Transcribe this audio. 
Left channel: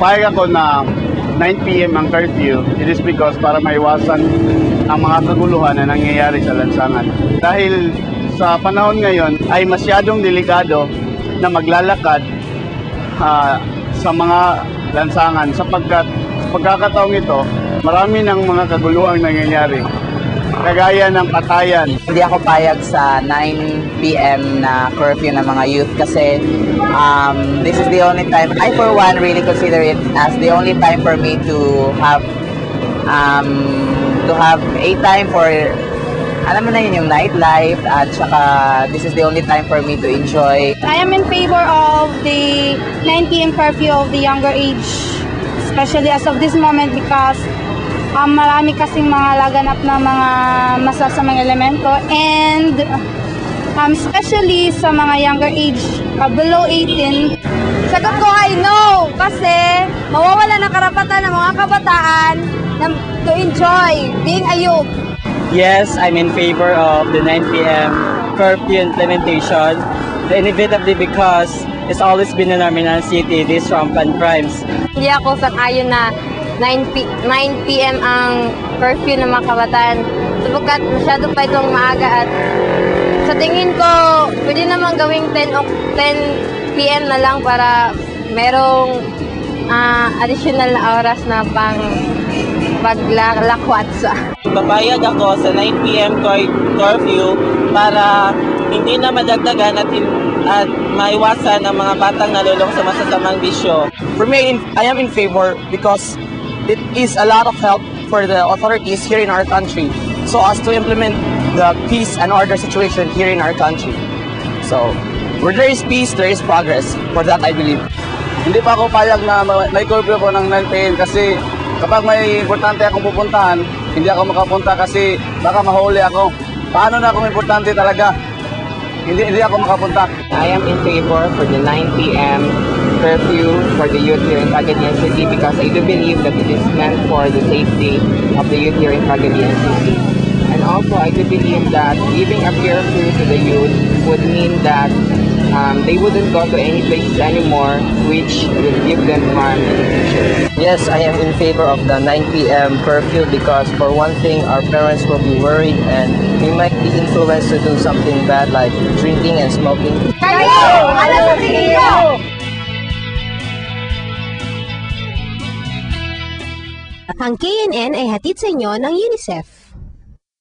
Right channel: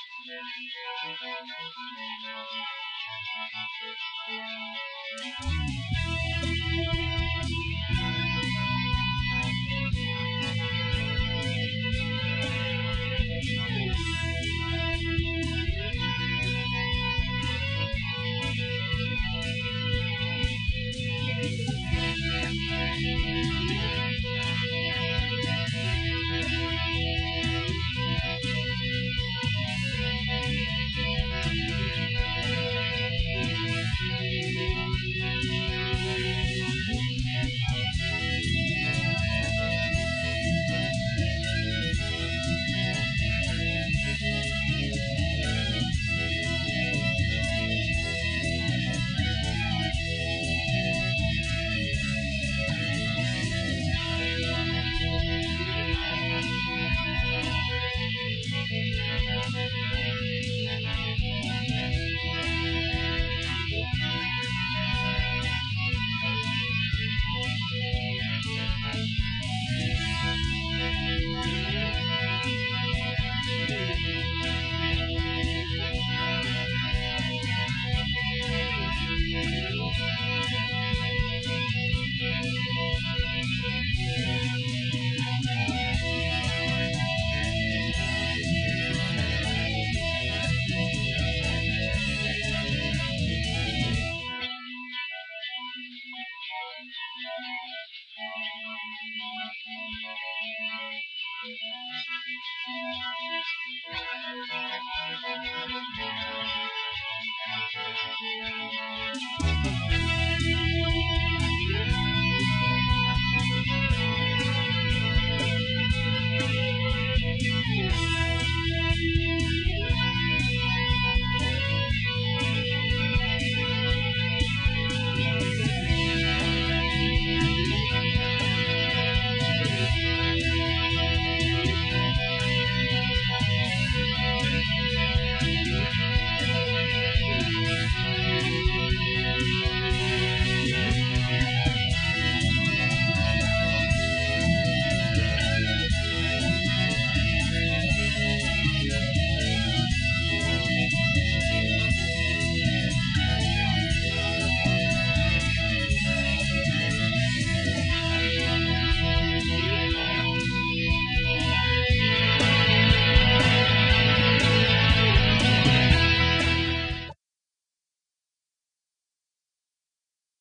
Payag ako na 9 p.m. ang curfew, it is because para maiwasan ang mga kaguluhan na nangyayari sa lansangan. Dahil sa panahon ngayon ay masyadong delikado na maglalakad sa mga lansangan sapagkat pagkakataong ito, marami ng mga kaguluhang nangyayari. Kagaya ng patayan. Hindi ako payag sa 9 p.m. na curfew ng mga youth kasi this is the only time, I for one really consider it as the only time for me to have a time for, alam mo na yun, yung nightlife, at saka this is the only time for me to enjoy. I am in favor of the 9 p.m. curfew of the younger age, especially as of this moment because marami kasing mga laganap na mga masasamang elemento and especially sa mga younger age, below 18. Sagot ko ay no, kasi mawawala ng karapatan ng mga kabataan to enjoy being a youth. Yes, I'm in favor of the 9 p.m. curfew implementation, inevitably because it's always been in our Mindanao City, these rampant crimes. Hindi ako sang-ayon na 9 p.m. ang curfew ng mga kabataan sapagkat masyado pa itong maaga at sa tingin ko pwede naman gawing 10 p.m. na lang para merong additional na oras na pang paglakwatsa. Papayag ako sa 9 p.m. curfew para hindi na madagdagan at maiwasan ang mga batang nalulong sa masasamang bisyo. For me, I am in favor because it is a lot of help for the authorities here in our country so as to implement the peace and order situation here in our country. So, where there is peace, there is progress. For that, I believe. Hindi pa ako payag na may curfew ko ng 9 p.m. kasi kapag may importante akong pupuntahan, hindi ako makapunta kasi baka mahuli ako. Paano na kung importante talaga? Hindi ako makapunta. I am in favor for the 9 p.m. curfew for the youth here in Cagayan City because I do believe that it is meant for the safety of the youth here in Cagayan City. And also, I do believe that giving a curfew to the youth would mean that they wouldn't go to any places anymore, which will give them harm in the future. Yes, I am in favor of the 9 p.m. curfew because for one thing, our parents will be worried and we might be influenced to do something bad like drinking and smoking. Kayo! Ano sa tingin niyo? Ang KNN ay hatid sa inyo ng UNICEF.